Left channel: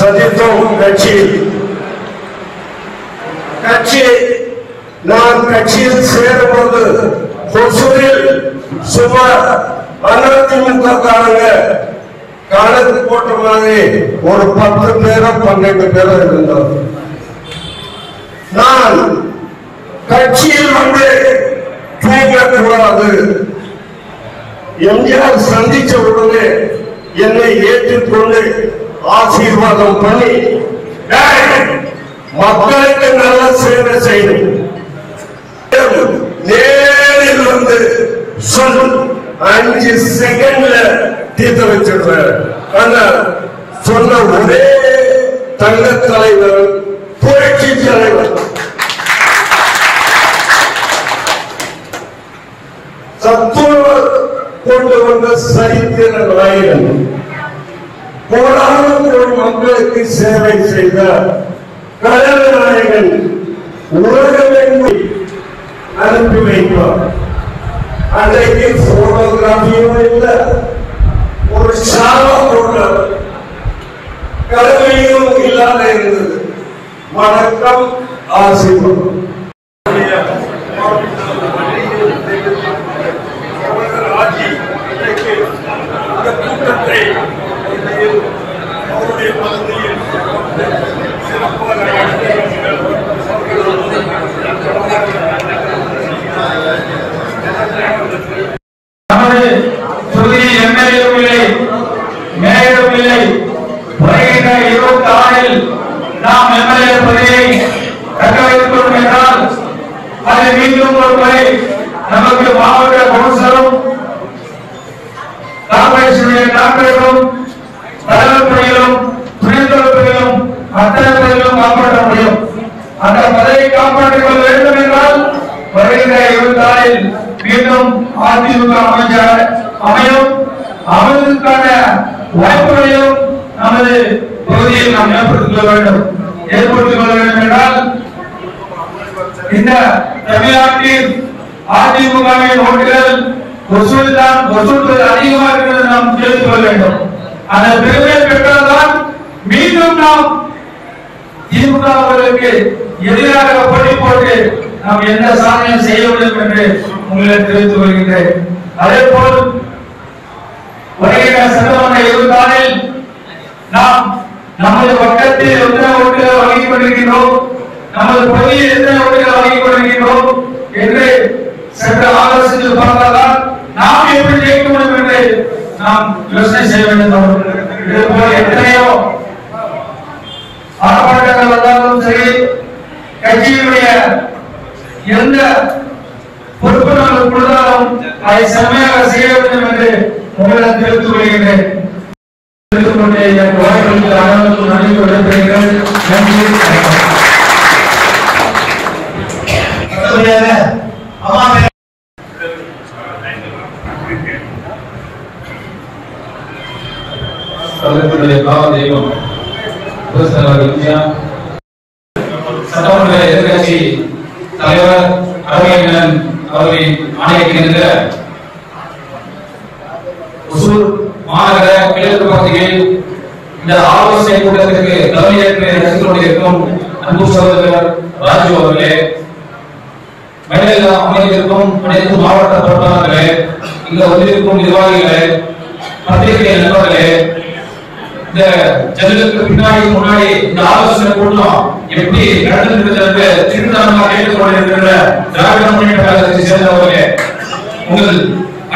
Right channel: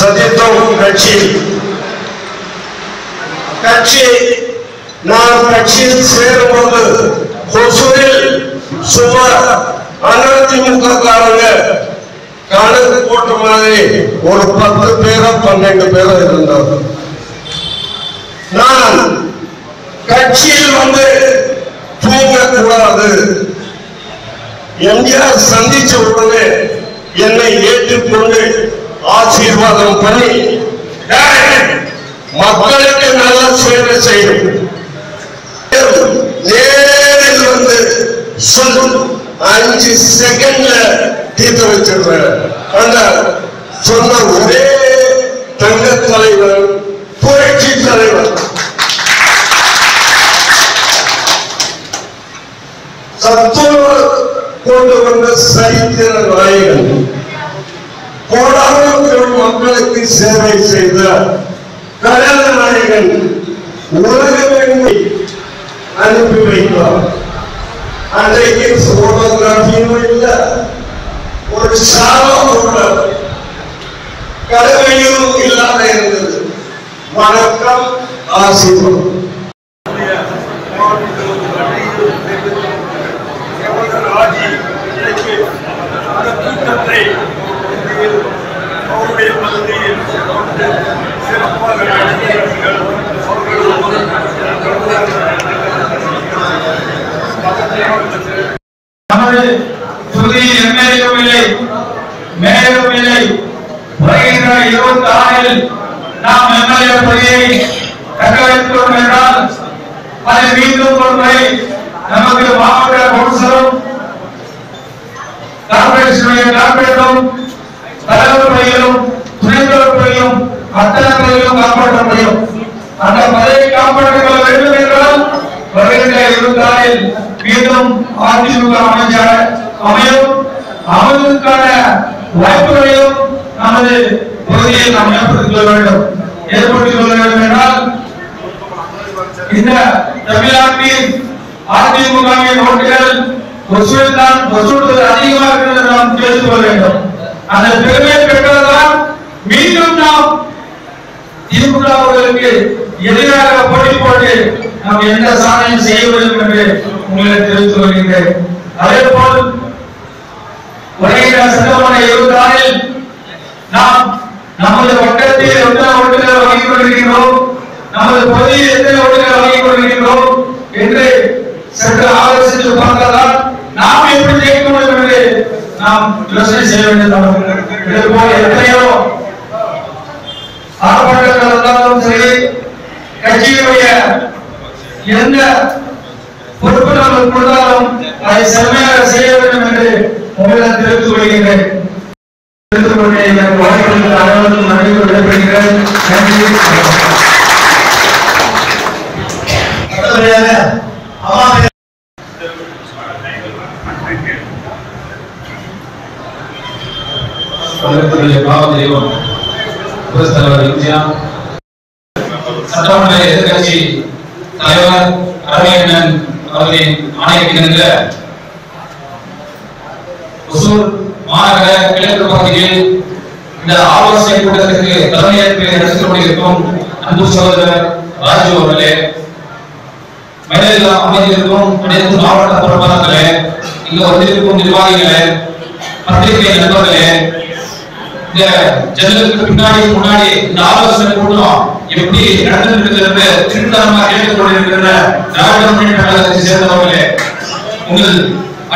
சதித்தோம் கட்சி நான் கட்சியில் சேரும்போது ஒசூரில் சுமார் அதிமுக காரங்க கணக்கு போட்ட மாதிரி ஒரு 10 பேரோ 12 பேரோ இருந்தோம். நான் கட்சியில் வந்து தூங்கக்கூடாது. எம்ஜிஆர் சந்திச்ச உடனே என்னை ஏற்றுக்கொண்டு ஆசீர்வாதம் பண்ணி மக்களுக்கு நல்ல சேவை செய்யும் நேரில் வந்து சொல் 5 செகண்ட்ல தீர்த்து வச்சிருக்கிறேன். அந்த சொன்ன ஒரே தங்க தலைவர் புரட்சி தலைவர் சத்துணவு கொண்டு வந்த சரித்திர நாயகன் கோடான மக்களுக்கு சேவை செய்த கடல் நாயகன் உலகமெங்கு அனுப்பி வைப்பார். அன்றைக்கு போட்டோகிராஃபியும் இல்லை, ஒரு சாலம் கூட கடமையும் இல்லாத இருந்தது. வணக்கம், ஆசீர்வாதம். அவருடைய பகுதியில் சிறப்பாக நமது தொகுதி எம்எல்ஏவும் இல்லை, மேயரும் இல்லை. வருகின்ற 26 நாம் எம்எல்ஏ பதவியை தக்க வைத்துக் கொள்வோம் என்றால் அது மீண்டும் ஒரு முறை நமக்கு மாவட்ட கவுன்சிலரும் கார்பரேட்டரும் தலைவர் பணிகளும் துணைத்தலைவர் பணிகளும் அத்தனை பணிகளும் காப்பாற்ற முடியும். அந்த பதவியை காப்பாற்றிக் கொள்ள வேண்டும் என்றால் வருகின்ற 26 மீண்டும் அதிமுக அமையும். அமைவதற்கான வாய்ப்புகளையும் நமது பகுதியில் நாம் ஏற்படுத்திக் கொள்ள வேண்டும். ஏற்படுத்திக் கொள்ள வேண்டும் என்றால் இந்த தமிழ்நாட்டில் அதிமுகவின் ஓட்டுகள் வசூல் அதிகமாக இருக்கிறது நாம் தெரிந்து கொள்ள வேண்டும். அந்த பெருமை பெற்றதுதான் மீண்டும் நாம் திமுக அவர்களுக்கு எதிராக போட்டி போட்டு நாம் எந்த சாதனையும் செய்ய வேண்டும் என்று உங்களுக்கு தெரிவித்துக் கொள்கின்றேன். அதே போல் வருகின்ற சட்டமன்ற 26 நாம் நமது வட்டத்தில் எத்தனை ஓட்டுகள் வழங்கிக் கொண்டிருக்கிறோம், நமது பகுதியில் எத்தனை ஓட்டுகள் வழங்கிக் கொண்டிருக்கிறோம் என்று சற்று ஆலோசித்து பார்த்தால்தான் நாம் எப்படி ஜெயிக்க முடியும் என்று நாம் யோசனை செய்ய வேண்டும். இது போல எத்தனையோ ஆர்ப்பாட்டங்கள் இருந்தாலும் சரி, கட்சியுடைய எந்த பொறுப்பு நாங்கள் கொடுத்தாலும் அதை செம்மையாக செய்ய வேண்டும் என்று உங்களிடம் தெரிவித்துக் கொள்கின்றேன். வாய்ப்புகளுக்கு அனைவருக்கும் நன்றி விடைபெறுகிறேன். நன்றி. சட்டமன்ற எதிர்கட்சி தலைவர் அரவிந்தன் அவர்களின் ஆணையிடுகின்ற ஒசூர் மாநகர கிழக்கு பகுதியில் இந்த ஆலோசனை கூட்டத்திற்கு தலைமையேற்று நடத்திக் கொண்டிருக்கும் அன்பு சகோதரர் ராஜு அவர்களே, மேடையில் அமைந்திருக்கும் அனைத்து மாவட்ட பொறுப்பாளர்களே, இங்கு வந்திருக்கும் நிர்வாகிகளே, பத்திரிகை நண்பர்களே, இந்த ஜன்னலுக்கு பின்னாடி முன்னாடி இந்த ஆலோசனை கூட்டம் எப்படி நடந்திருக்கிறது திருத்தமாக கேட்டுக்கொண்டிருக்கிற திராவிட முன்னேற்ற கழகத்தை சேர்ந்தவர்களே, உங்கள்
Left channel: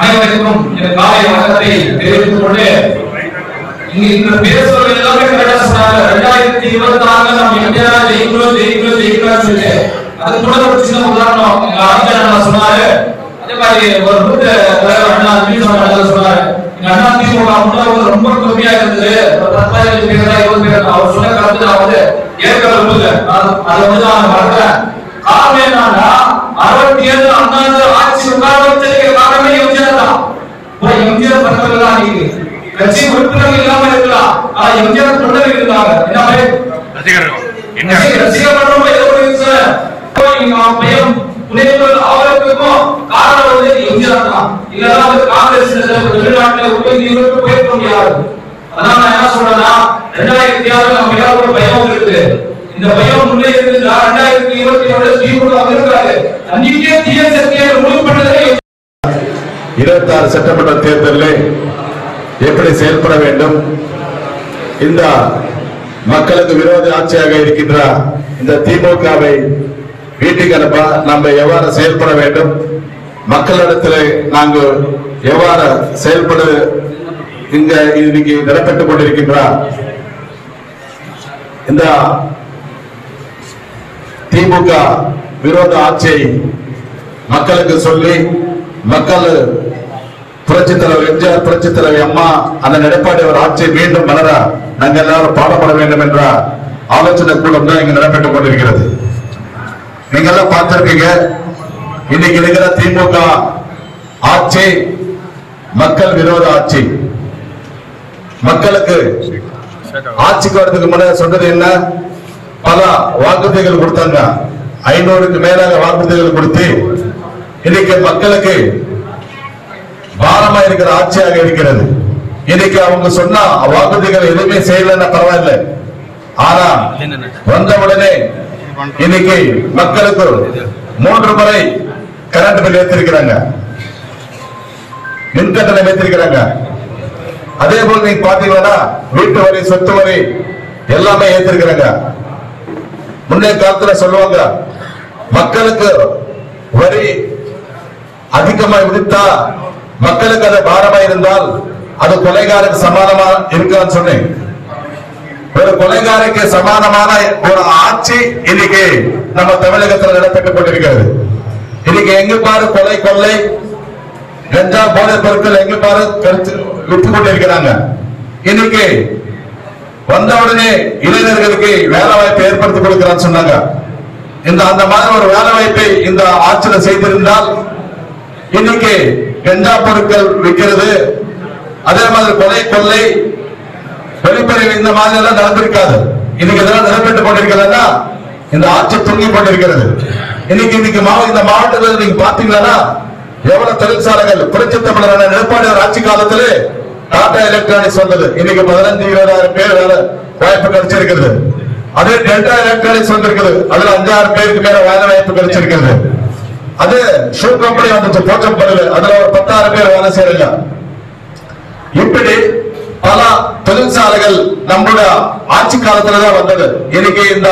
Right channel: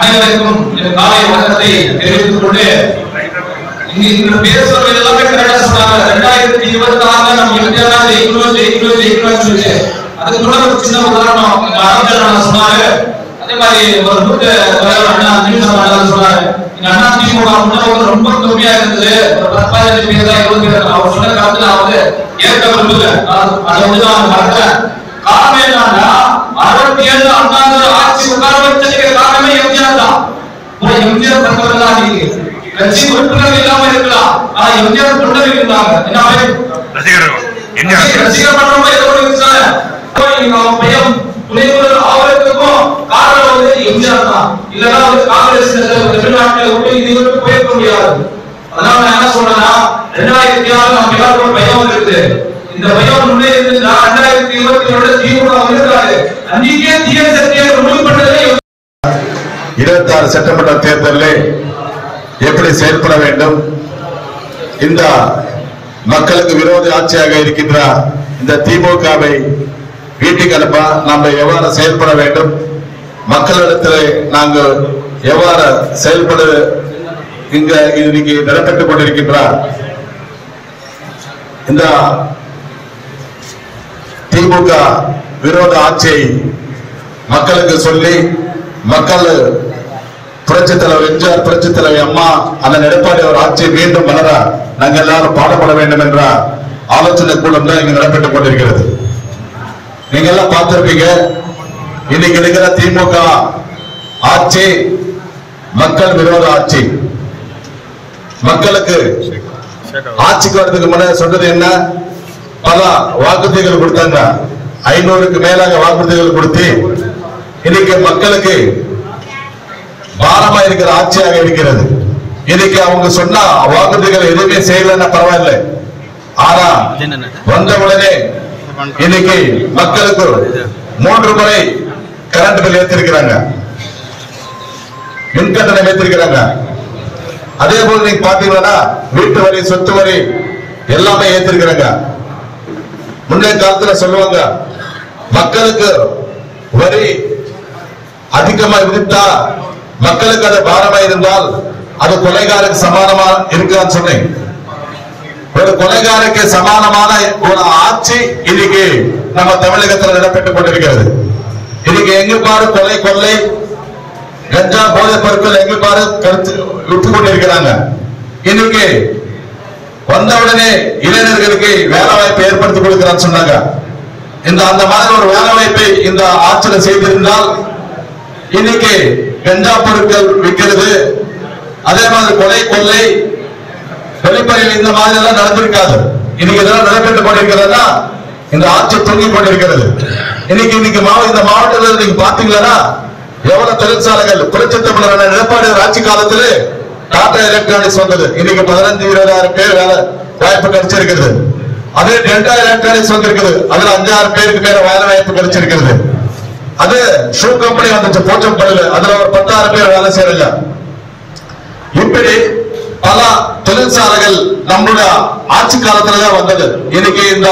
அனைவருக்கும் இந்த காலை வணக்கத்தை தெரிவித்துக் கொண்டு இங்க பேசுவது எல்லாமே கரெக்டா சொன்னாங்க. 2026 நம்ம எம்ஜிஆர் ஜெயிக்கணும் சொல்லி அது கூட ஒரு சின்ன உதாரணம் அரவிந்தன் சொன்னாரு. அதே மாதிரி ஒரு மூத்த தலைவர் அண்ணா சொன்னாரு, அண்ணா திமுக முன்னோர்கள் ரொம்ப கம்மியா இருந்தது, ஒரு 15 பேர் தான் 20 பேர். அவர் சொன்ன கருத்து நான் வந்து ஏற்க விரும்பல, அதை வந்து நான் மறக்கிறேன். காரணம் என்னன்னா 67 அண்ணா ஆட்சி உட்கார வச்சதுக்கு காரணமே எம்ஜிஆர் தான். எம்ஜிஆர் தந்தவர்கள் தான் நீங்க கட்சி உறுப்பினர்கள் இல்லாம இருக்கலாம், ஆனா எம்ஜிஆர் தொண்டர்கள் இருந்தாங்க. என்ன ரசிகர் பண்றோம் ஏதோ ஒரு நாம் பெயரும் துணைவர் ஆவதற்கும் காரணம் வந்து எம்ஜிஆர் தான். இல்லைன்னா வந்து காங்கிரஸ் தமிழ்நாட்டில் விட்டு இதுவரைக்கும் போயிருக்க முடியாது. அதனால நான் என்ன சொல்றேன்னா 2006 நம்ம யாருக்கு ஒரு பயம் இருக்குது. இந்த பயம் முன்னே இருந்தா 2022 திமுக வந்திருக்காரு. அன்னைக்கே தீய சக்தியை ரிமூவ் பண்ணதே 26 சட்டமன்ற தேர்தலில் எப்படி செயல்பட வேண்டும், இந்த மக்களுக்கு விரோத ஆட்சியாக இருக்கின்ற இந்த திமுகவை வீட்டுக்கு அனுப்ப நாம் எவ்வாறு செயல்பட வேண்டும், மக்களிடத்தில் நாங்கள் எவ்வாறு செயல்பட இங்க இன்னைக்கு நடைபெற்றுக் கொண்டிருக்கின்ற இந்த திமுக விரோத ஆட்சியை மக்களுக்கு சொல்லி மக்கள் புரட்சி தலைவர் எம்ஜிஆர், புரட்சி தலைவர் அம்மா, அந்த எடப்பாடி அவர் ஆட்சியை மீண்டும் மலர நாங்கள் எல்லாரும் பாடுபட வேண்டும் என்ற ஆலோசனை கூட்டம் தான் இங்க நடைபெற்றுக் கொண்டிருக்கிறது. நீங்க எல்லாம் பார்த்திருப்பீங்க, இன்னைக்கு இருக்கிற திமுக ஆட்சி மக்கள் விரோத ஆட்சி. மக்களுக்கு ஆட்சிக்கு வரதுக்கு முன்னாடி சொன்னது என்ன, பல வாக்குறுதிகள் கொடுத்தாங்க. 500க்கு மேலாக வாக்குறுதிகள் கொடுத்து இன்னைக்கு மக்களுக்கு பாரமா இருக்கிற ஆட்சியாக இருக்கிறது. இன்னைக்கு அவங்க சொன்ன வாக்குறுதிகள் எதுவுமே செய்யலன்னா பரவாயில்லை, ஆனா வந்தவுடனே இன்னைக்கு மக்களுக்கு 3 முறை கரண்ட் பில் ஏற்றிருக்கிறாங்க, மின்கட்டணம் ஏற்றிருக்கிறாங்க. அதே போல நீங்க பாத்தீங்கன்னா வீட்டு வரி, சொத்து வரி எல்லாமே ஏற்றிருக்கிறாங்க. முன்னே காலத்துல சொல்லுவாங்க, மக்களுக்கு வரி அதிகமா விதித்தா மக்களுக்கு அது பாரமா இருந்தால் அது கொலைகாரருக்கு சமானமா இருக்கான்னு சொன்னேன். ஒரு கொலைகாரருக்கு சமானமான ஒரு ஆட்சி இன்னைக்கு நம்ம தமிழகத்தில் நடைபெற்றுக் கொண்டிருக்கிறது. இன்னைக்கு எங்க பாரு கொலை, கொள்ளை, கஞ்சா, போதை பொருட்கள் எங்க பாரு விட்டு கொண்டிருக்கிறாங்க. இன்னைக்கு வந்தவுடனே இளைஞர்களுக்கு வேலை வாய்ப்பை ஏற்படுத்தி கொடுக்கிறான்னு சொன்னாங்க. அந்த மாதிரி ஒரு வேலை வாய்ப்பை இந்த ஆட்சியில் செய்திருந்தால் இன்னைக்கு கஞ்சா பொருட்கள் விற்கிறது, அதே மாதிரி கொலை, கொள்ளை, வெளிப்படையில் இந்த மாதிரி எல்லாம் நடந்திருக்காது. இன்னைக்கு இதெல்லாம் நடைபெற்றுக் கொண்டிருக்கிறதா இந்த ஆட்சி தூங்கிக் கொண்டிருக்கிறது. இன்னைக்கு இந்த மாவட்டத்தில் நீங்க பாத்தீங்கன்னா எவ்வளவு தொழிற்சாலைகள் புரட்சி தமிழர் எடப்பாடி ஆட்சி காலத்திலே டாடா எலக்ட்ரானிக்ஸ் வந்தது. இன்னைக்கு 15-20 பேர் வேலை வாய்ப்பு கிடைச்சிருக்கிறது. அதே டெல்டா எலக்ட்ரானிக்ஸ் வந்திருக்குது, அதுல 5-6 பேருக்கு மேல வேலை வாய்ப்பு கிடைச்சிருக்கிறது. அது ஷூ கம்பெனி வந்துச்சு போச்சம்பள்ளியில, அதுல ஒரு 10-6 பேர் வேலை செய்யறாங்க. இப்படி பல தொழிற்சாலைகள் நம்மளுடைய ஆட்சி காலத்துலதான் வந்தது. இன்னைக்கு இந்த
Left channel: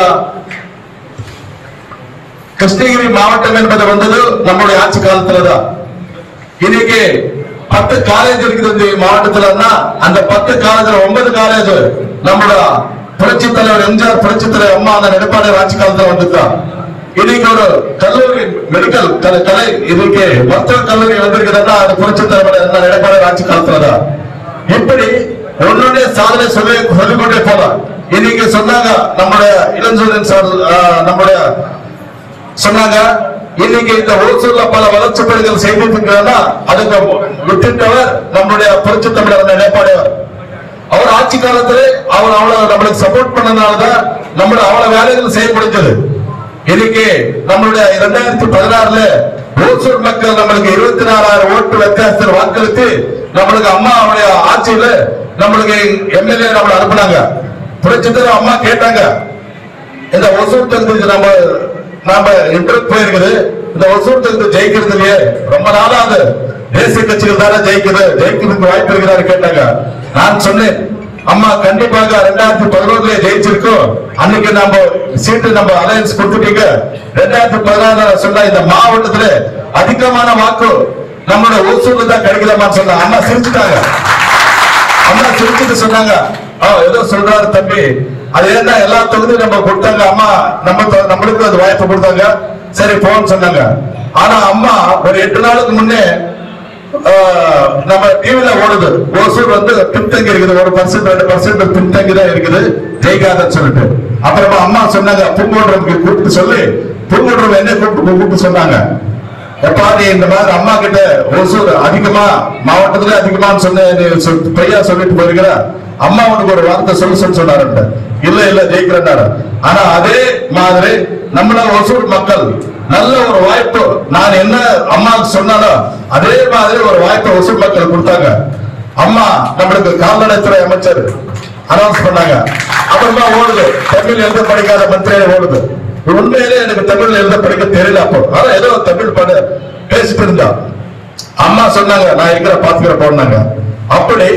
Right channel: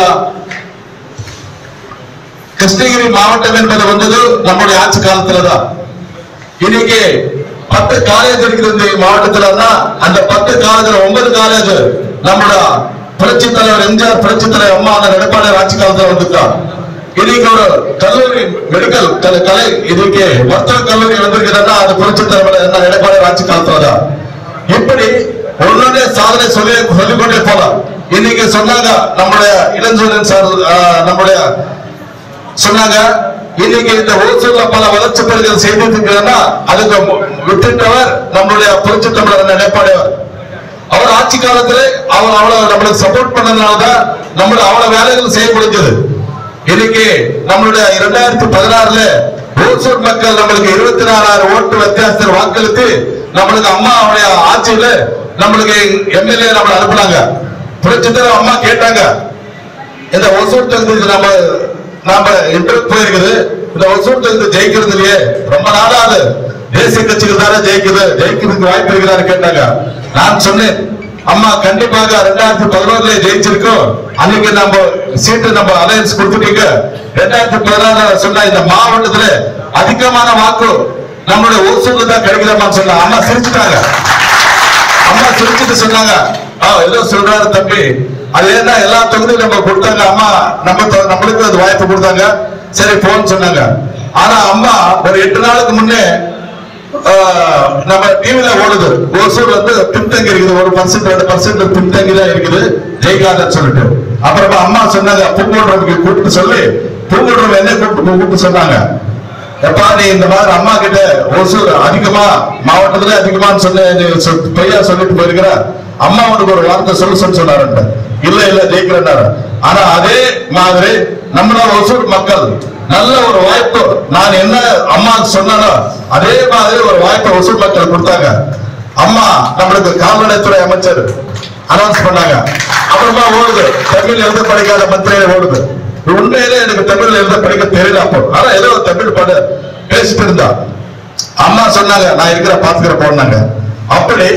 கிருஷ்ணகிரி மாவட்டம் என்பது வந்தது நம்மளுடைய ஆட்சி காலத்துலதான். இன்னைக்கு 10 காலேஜ் இருக்குது இந்த மாவட்டத்துல. அந்த 10 காலேஜ்ல 9 காலேஜ் நம்மளோட புரட்சி தலைவர் எம்ஜிஆர், புரட்சி தலைவர் அம்மா அந்த எடப்பாடி ஆட்சி காலத்துல வந்துட்டார். இன்னைக்கு ஒரு கல்லூரி, மெடிக்கல் கலை, இதுக்கு மருத்துவ கல்லூரி வந்திருக்கிறதா அது புரட்சி தலைவர் எடப்பாடி ஆட்சி காலத்துலதான். இப்படி ஒன்னொன்னே சாதனை சொல்லிக்கொண்டே போலாம். இன்னைக்கு சொன்னாங்க நம்முடைய இளஞ்சூரன் சார், நம்முடைய சொன்னாங்க இன்னைக்கு இந்த ஓசூர்ல பல வளர்ச்சி பணிகள் செய்திருக்கிறதா அதுக்கு விட்டுட்டவர் நம்முடைய புரட்சி தமிழர் எடப்பாடியார். அவர் ஆட்சி காலத்திலே அவர் அவ்வளவு நம்மளுக்கு சப்போர்ட் பண்ணதுனாலதான் நம்மளுடைய அவ்வளவு வேலைகள் செய்ய முடிஞ்சது. இன்னைக்கு நம்மளுடைய 2016ல ஓசூர் மக்கள் நம்மளுக்கு 24,000 ஓட்டு வித்தியாசத்தில் வாக்களித்து நம்மளுக்கு அம்மாவுடைய ஆட்சியில நம்மளுக்கு எம்எல்ஏ நம்மளை அனுப்புனாங்க. புரட்சி தலைவர் அம்மா கேட்டாங்க, இந்த ஒசூர் தொகுதி நாம இன்டர்வியூ போயிருக்குது, இந்த ஒசூர் தொகுதி ஜெயிக்கிறது இல்லையே, ரொம்ப நாளா அது தேசிய கட்சிகள் தானே ஜெயிக்கிறதுக்கு வாய்ப்பு இருக்கிறாரு கேட்டாங்க. நான் சொன்னேன், அம்மா கண்டிப்பாக 2011 ஜெயிச்சிருக்கோம். அன்னைக்கு நம்ம சீட்டு நம்ம அலையன்ஸ் கொடுத்துட்டீங்க. 2016 சொன்ன இந்த மாவட்டத்துல அதிகமான வாக்கு நம்மளுடைய ஓசூர்ல தான் கிடைக்கலாமான்னு சொன்ன அம்மா சிரிச்சுட்டாங்க. அம்மா சிரிச்சுட்டு சொன்னாங்க, ஏதோ சொல்றாரு தம்பி, அது ஏன்னா எல்லா தொகுதியும் நம்ம கொடுத்தாங்க, அம்மா நம்மளுக்கு அது வாய்ப்பு கொடுத்தாங்க, சரி போன்னு சொன்னாங்க. ஆனா அம்மா ஒரு 8 நாளுக்கு முன்னே நம்ம டிவில ஓடுது, ஓசூர் வந்து பின்தங்கி இருக்குது, 1% 2% பின்தங்கி தான் இருக்குது, ஜெயிக்காதன்னு சொல்லிட்டு. அப்புறமா அம்மா சொன்னாங்க, பூங்கோட்ரமுக்கு கூப்பிட்டு சொல்லி, பூங்கோட்ரம் என்ன கூப்பிட்டு சொன்னாங்க, எப்பா நீ இந்த மாதிரி அம்மா கிட்ட ஓசூர் அதிகமா மாவட்டத்துல அதிகமான்னு சொன்ன பையா சொல்லிட்டு போயிருக்கிற, அம்மா உனக்கு ஒரு வார்த்தை சொல்லு சொன்னாரு. இல்ல ஜெயிக்கிறேன்னாரு. ஆனா அதே மாதிரி நம்மள ஒசூர் மக்கள் நல்ல ஒரு வாய்ப்பு, நான் என்ன அம்மா சொன்னாலும் அதே மாதிரி ஒரு வாய்ப்பை ஒசூர் மக்கள் கொடுத்தாங்க. அம்மா நம்மளுக்கு கால்நடைத்துறை அமைச்சர் அனௌன்ஸ் பண்ணாங்க. அப்புறமா ஓடுது தமிழ் எழுத படிக்காத மந்திரியே ஓடுது. உண்மையிலே எனக்கு தமிழ் எழுத படிக்க தெரியல அப்போ, ஆனா ஏதோ தமிழ் பாட பேசிட்டு இருந்தா அம்மா சொன்னாங்க நான் இருக்கிற பாத்துக்கிற போனாங்க. அப்படி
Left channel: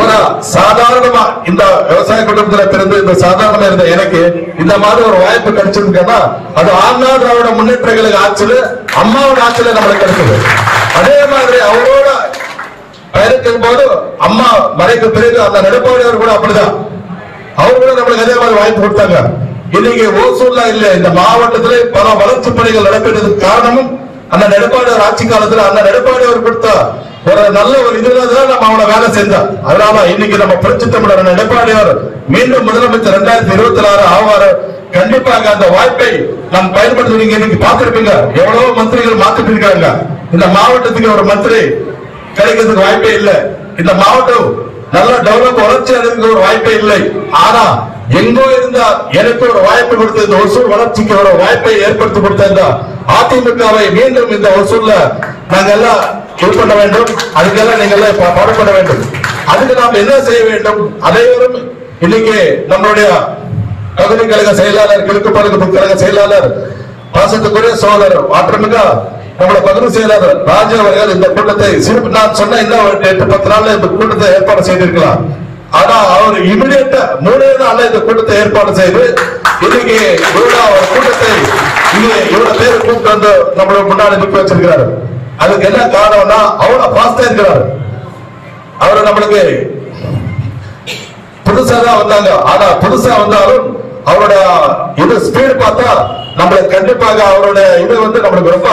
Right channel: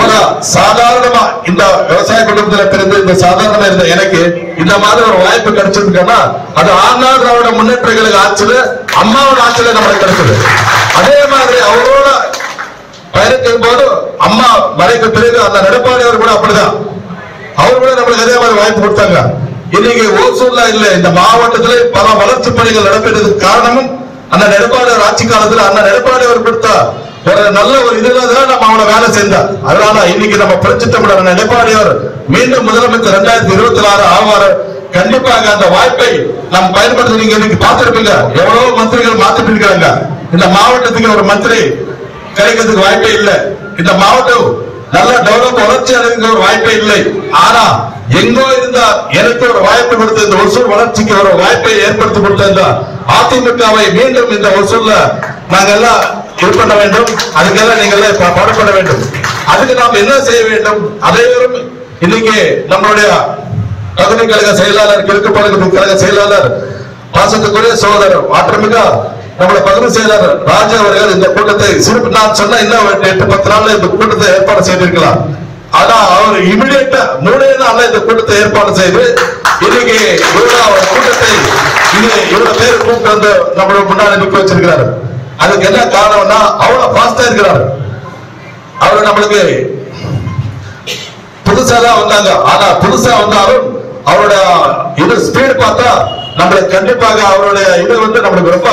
ஒரு சாதாரணமா இந்த விவசாய குடும்பத்துல பிறந்து இந்த சாதாரணமா இருந்த எனக்கு இந்த மாதிரி ஒரு வாய்ப்பு கிடைச்சிருக்கா, அது அண்ணா திராவிட முன்னேற்ற கழக ஆட்சியில அம்மாவோட ஆட்சியில நம்மளுக்கு கிடைச்சது. அதே மாதிரி அவரோட பயணிக்கும் போது அம்மா மறைக்கு பிறகு அந்த எடப்பாடி அவர் கூட அப்படிதான், அவர் கூட நம்மளுக்கு அதே மாதிரி வாய்ப்பு கொடுத்தாங்க. இன்னைக்கு ஓசூர்ல இல்ல இந்த மாவட்டத்திலே பல வளர்ச்சி பணிகள் நடைபெற்றதுக்கு காரணமும் அந்த எடப்பாடி ஆட்சி காலத்துல அந்த எடப்பாடி அவர் கொடுத்த ஒரு நல்ல ஒரு இதுதான் நம்ம அவனை வேலை செஞ்சார். அதனால இன்னைக்கு நம்ம புரட்சி தமிழர் எடப்பாடி அவர் மீண்டும் முதலமைச்சர் 2026 ஆவார். கண்டிப்பாக அந்த வாய்ப்பை நாம் பயன்படுத்தி நீங்க இன்னைக்கு பார்த்திருப்பீங்க, எவ்வளவு மந்திரிகள் மாத்திட்டு இருக்காங்க. இந்த மாவட்டத்துக்கு ஒரு மந்திரி கிடைக்கிறதுக்கு வாய்ப்பே இல்லை. இந்த மாவட்டம் நல்ல டெவலப் வளர்ச்சி அடைந்த ஒரு வாய்ப்பே இல்லை. ஆனா எங்கோ இருந்தா எனக்கு ஒரு வாய்ப்பு கொடுத்த இந்த ஒசூர் வளர்ச்சிக்கு ஒரு வாய்ப்பை ஏற்படுத்தி கொடுத்த இந்த அதிமுகவை மீண்டும் இந்த ஒசூர்ல நாங்க எல்லாம் இது பண்ண வேண்டும். அதுக்கெல்லாம் நீங்க எல்லாம் பாடுபட வேண்டும். அதுக்கு நாம் என்ன செய்ய வேண்டும்? அனைவரும் இன்னைக்கு நம்மளுடைய பகுதி கழக செயலாளர், கிழக்கு பகுதி கழக செயலாளர், பாசத்துக்குரிய சகோதரர் மாற்றமிக நம்மளோட பகுதி செயலாளர் ராஜா அவர்கள் இந்த கூட்டத்தை சிறப்பு நான் சொன்ன இன்னும் 8-10 நாள்ல இந்த கூட்டத்தை ஏற்பாடு செய்திருக்கலாம். ஆனா அவர் இமிடியேட்டா 3 நாள்ல இந்த கூட்டத்தை ஏற்பாடு செய்து இன்னைக்கு இவ்வளவு கூட்டத்தை இவ்வளவு பேர் கூப்பிட்டு வந்து நம்மளோட முன்னாடி நிற்க வச்சிருக்கிறாரு. அதுக்கு என்ன காரணம்னா அவ்வளவு பாஸ்டா இருக்கிறாரு. அவரு நம்மளுக்கு புதுசா தான் வந்தாங்க. ஆனா புதுசா வந்தாலும் அவரோட இது ஸ்பீடு பார்த்தா நம்மளுக்கு கண்டிப்பாக அவருடைய இது வந்து நம்மளுக்கு ரொம்ப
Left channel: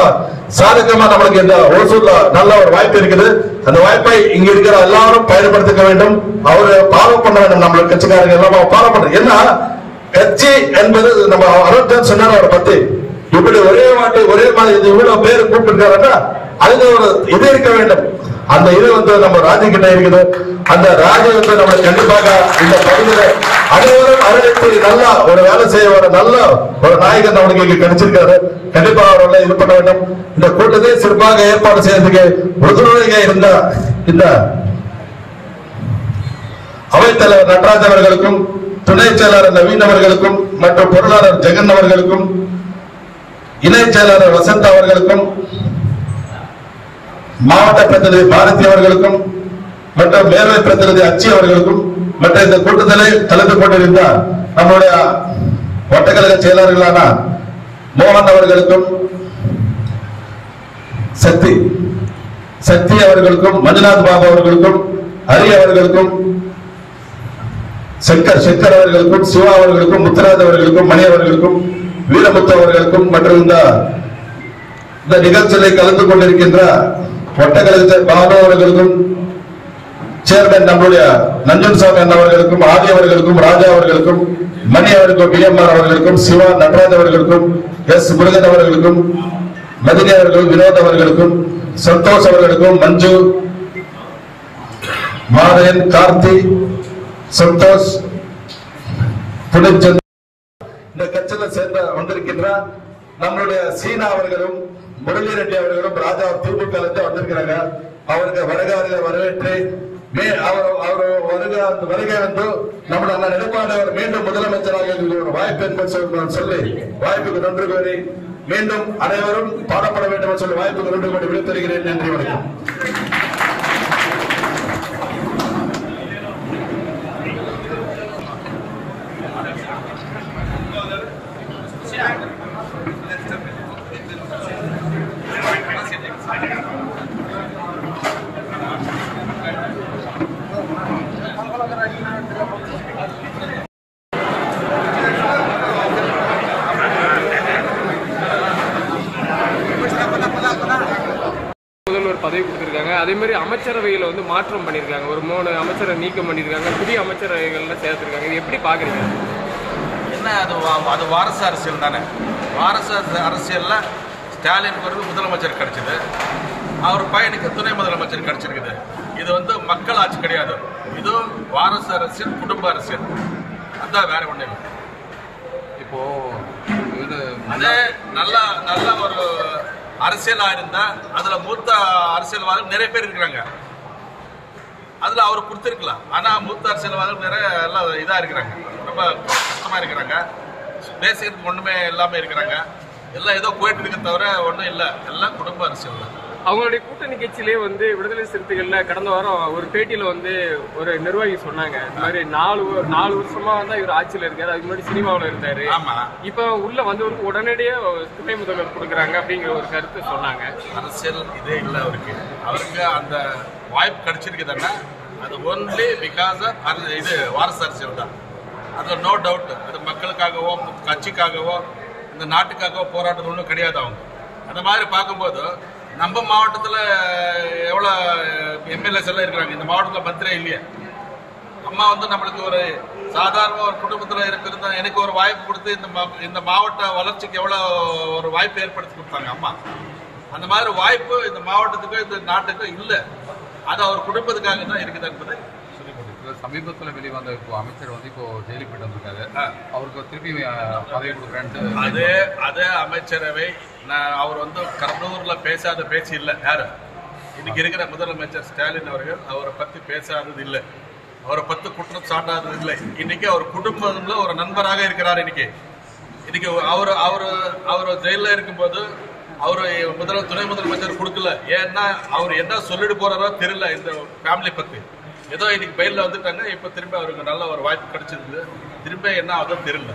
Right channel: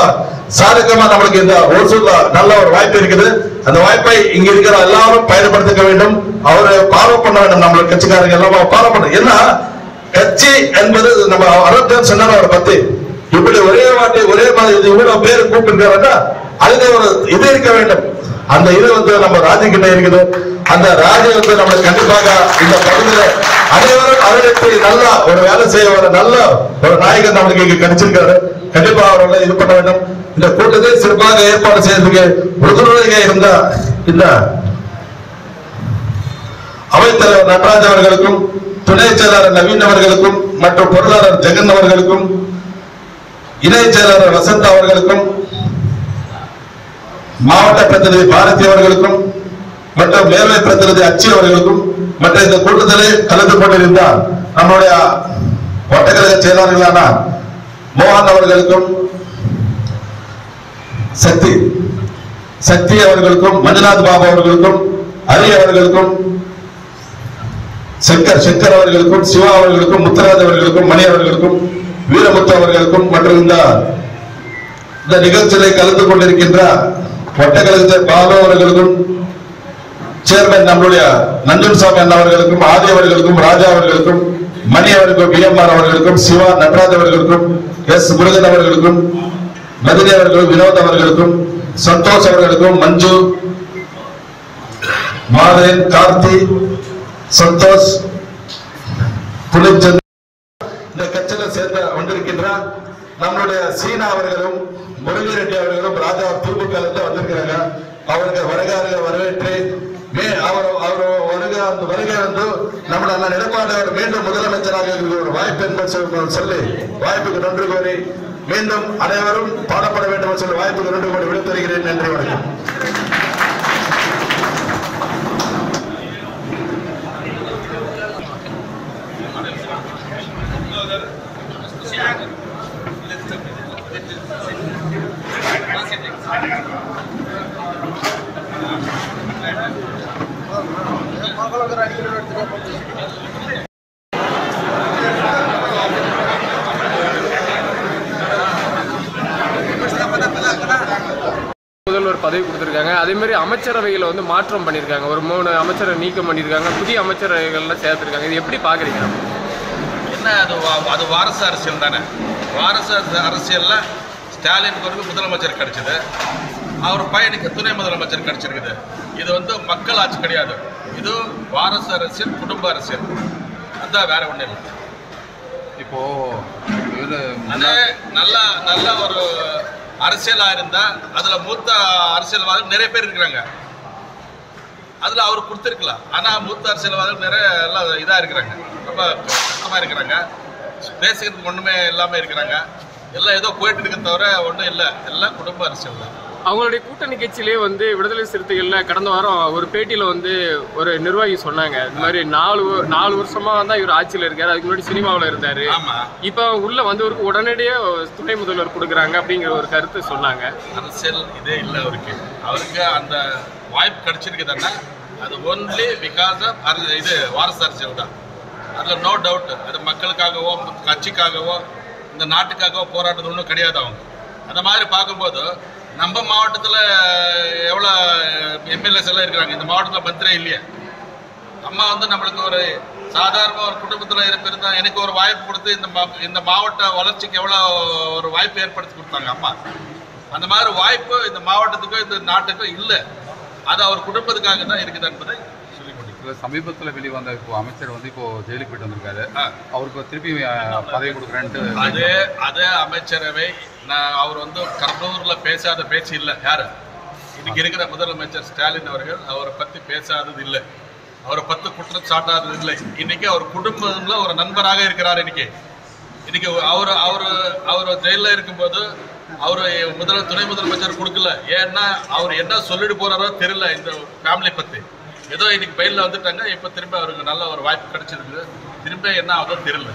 சாதகமா நம்மளுக்கு இந்த ஓசூர்ல நல்ல ஒரு வாய்ப்பு இருக்குது. அந்த வாய்ப்பை இங்க இருக்கிற எல்லாரும் பயன்படுத்திக்க வேண்டும். அவரை ஃபாலோ பண்ண வேண்டும். நம்மளுக்கு கட்சிக்காரங்க எல்லாம் ஃபாலோ பண்ண. ஏன்னா கட்சி என்பது நம்ம அறுபத்தி சொன்னார் அவரை பத்தி இப்படி ஒரே வாட்டி ஒரே மாதிரி இவ்வளவு பேர் கூப்பிட்டு அதுக்கு ஒரு இது இருக்க வேண்டும். அந்த இது வந்து நம்ம ராஜி கிட்ட இருக்குது. அந்த ராஜி வந்து நம்மளுக்கு கண்டிப்பாக இந்த பகுதியில அனைவரும் அரவணைத்து நல்லா ஒரு வேலை செய்ய வர நல்ல ஒரு நாயகன் நம்மளுக்கு இங்க கிடைச்சிருக்காரு. கண்டிப்பா அவர்கள் இது பண்ண வேண்டும். இந்த கூட்டத்தை சிறப்பாக ஏற்பாடு செய்யறதுக்கு உறுதுணையாக இருந்த இந்த அவைத்தலைவர் நடராஜ் அவர்களுக்கும், துணை செயலாளர் நவீன் அவர்களுக்கும், மற்றும் பொருளாளர் ஜெகன் அவர்களுக்கும், இணை செயலாளர் வசந்த் அவர்களுக்கும், மாவட்ட பிரதிநிதி பாரதி அவர்களுக்கும், மற்றும் மேல்மை பிரதிநிதி அச்சி அவர்களுக்கும், மற்றும் இந்த கூட்டத்தில் கலந்து கொண்டிருந்த நம்முடைய ஒட்டக்கழக செயலாளர்களான மோகன் அவர்களுக்கும், சக்தி அவர்களுக்கும், மஞ்சுநாத் பாபு அவர்களுக்கும், ஹரி அவர்களுக்கும், சங்கர் அவர்களுக்கும், சிவா அவர்களுக்கும், முத்துராஜ் அவர்களுக்கும், மணி அவர்களுக்கும், வீரமுத்து அவர்களுக்கும், மற்றும் இந்த நிகழ்ச்சியை கலந்து கொண்டிருக்கின்ற ஒட்டக்கழக பாபு அவர்களுக்கும், சேர்மன் நம்மளுடைய நஞ்சன்சாமி அவர்களுக்கும், ஆதி அவர்களுக்கும், ராஜா அவர்களுக்கும், மணி அவர்களுக்கும், பிஎம்ஆர் அவர்களுக்கும், சிவா நடராஜ் அவர்களுக்கும், எஸ் முருகன் அவர்களுக்கும், மதினி அவர்களுக்கும், வினோத் அவர்களுக்கும், சந்தோஷ் அவர்களுக்கும், மஞ்சு, மாதன், கார்த்தி, சந்தோஷ், புனிச்சந்த் இந்த கட்சியில சேர்ந்த வந்திருக்கின்ற நம்மளுடைய சீனா அவர்களும், முரளி ரெட்டி அவர்களும் ராஜா திமுக வந்திருக்கிறாங்க. அவருக்கு வருகாரில் வரவேற்று அந்த வருகை வந்து நம்மள எடப்பாடி அவர் மீண்டும் முதலமைச்சராக ஒரு வாய்ப்பு என்பது சொல்லி வாய்ப்புக்கு நன்றி கோரி மீண்டும் அனைவரும் பாடப்பட வேண்டும் என்று சொல்லி வாய்ப்புக்கு நன்றி கோரி விடைபெறுகிறேன். நன்றி, வணக்கம். முதல்வர் பதவி கொடுத்திருக்காங்க. அதே மாதிரி அமைச்சரவையில் வந்து மாற்றம் பண்ணியிருக்காங்க. ஒரு 3 அமைச்சரை நீக்கம் பண்ணியிருக்காங்க. புதிய அமைச்சரவைகள்லாம் சேர்த்துருக்காங்க. இது எப்படி பார்க்குறீங்க? என்ன அது வாரசு அரசியல் தானே. வாரசு அரசியல்ல ஸ்டாலின் பிறகு முதலமைச்சர் கிடைச்சது, அவர் பையனுக்கு துணை முதலமைச்சர் கிடைச்சிருக்குது. இது வந்து மக்கள் ஆட்சி கிடையாது. இது வாரசு அரசியல், குடும்ப அரசியல். அதுதான், வேற ஒன்றும் இல்லை. இப்போ அதே நல்ல ஒரு அரசியலா இருந்தா அதுல மூத்த அரசியல்வாதிகள் நிறைய பேர் இருக்கிறாங்க. அதுல அவர் கொடுத்திருக்கலாம். ஆனா மூத்த அரசியல்வாதிகள் நிறைய எல்லாம் இதா இருக்கிறாங்க, ரொம்ப கஷ்டமா இருக்கிறாங்க, பேசுறதுக்கு ஒண்ணுமே இல்லாம இருக்கிறாங்க. எல்லாம் ஏதோ போயிட்டு இருக்க தவிர ஒன்றும் இல்லை, எல்லாம் குடும்ப அரசியல் தான். அவங்களுடைய கூட்டணி கட்சியிலேயே வந்து விடுதலை சிறுத்தைகள்ல கடந்த வாரம் ஒரு பேட்டியில வந்து ஒரு நிர்வாகி சொன்னாங்க, இந்த மாதிரி 4 வருஷமா தான் இவர் ஆட்சியில் இருக்காரு, அதுக்கு முன்னாடி சினிமாவில் இருந்தாரு, இப்ப உள்ள வந்தவருக்கு உடனடியே துணை முதல்வர் கொடுக்குறாங்க அப்படிங்கிற ஒரு கருத்து சொன்னாங்க. அரசியல் இதே இல்லை அவருக்கு அந்த வாய்ப்பு கிடைச்சிருக்குதுன்னா அது ஒன்லி பிகாஸ் ஆஃப் இது வாரிசு அரசியல் தான். அதுல நோ டவுட். அது மக்களுக்காகவோ கட்சிக்காகவோ இந்த நாட்டுக்காகவோ போராட்டது ஒன்றும் கிடையாது. அவங்க அந்த மாதிரி பார்க்கும்போது நம்ம மாவட்டத்தில் எவ்வளோ எம்எல்ஏஸ் எல்லாம் இருக்கிறாங்க, இந்த மாவட்டத்தில் மந்திரியே இல்லையா? அம்மா வந்து நம்மளுக்கு ஒரு சாதாரண ஒரு குடும்பத்தில் இருந்தால் எனக்கு ஒரு வாய்ப்பு கொடுத்து இந்த மாவட்ட வளர்ச்சிக்கு எவ்வளோ ஒரு வாய்ப்பு ஏற்படுத்தி கொடுத்தாங்க அம்மா. அந்த மாதிரி வாய்ப்பு இந்த மாவட்டத்துக்கோ இந்த நாட்டுக்கோ இல்லை. அது அவர் குடும்பத்துக்காக தான் இருக்குது என்பதை சொல்லி முடியும். சமீபத்தில் வெளிவந்த இப்போ அமைச்சர் வந்து இப்போ ஜெயிலுக்கு போயிட்டு வந்திருக்காரு, அவருக்கு திருப்பி பதவி கொடுக்குறேன்ட்டு அதே அமைச்சரவை அவர் வந்து கடலூர்ல பேசாத பேச்சு இல்லை. யாரு இன்னைக்கு இருக்கிற முதலமைச்சர் ஸ்டாலின் அவர்கள் அவரை பத்தி பேசாதது இல்லை, அவரை பத்தி குற்றம் சாட்டாதது இல்லை. இன்னைக்கு அவர் குடும்பம்ல ஒரு நண்பராக இருக்கிறார். இன்னைக்கு அவர் ஜெயில இருக்கும்போது அவரு துணை முதலமைச்சர் கொடுக்கல. ஏன்னா அவர் என்ன சொல்லிட்டு போறாரோ தெரியல இந்த ஃபேமிலி பத்தி. ஏதோ இன்னைக்கு பயில வந்துட்டாங்க, இப்ப திரும்ப அவருக்கு நல்ல ஒரு வாய்ப்பு கிடைச்சிருக்கு, திரும்ப என்ன ஆகுதோ தெரியல.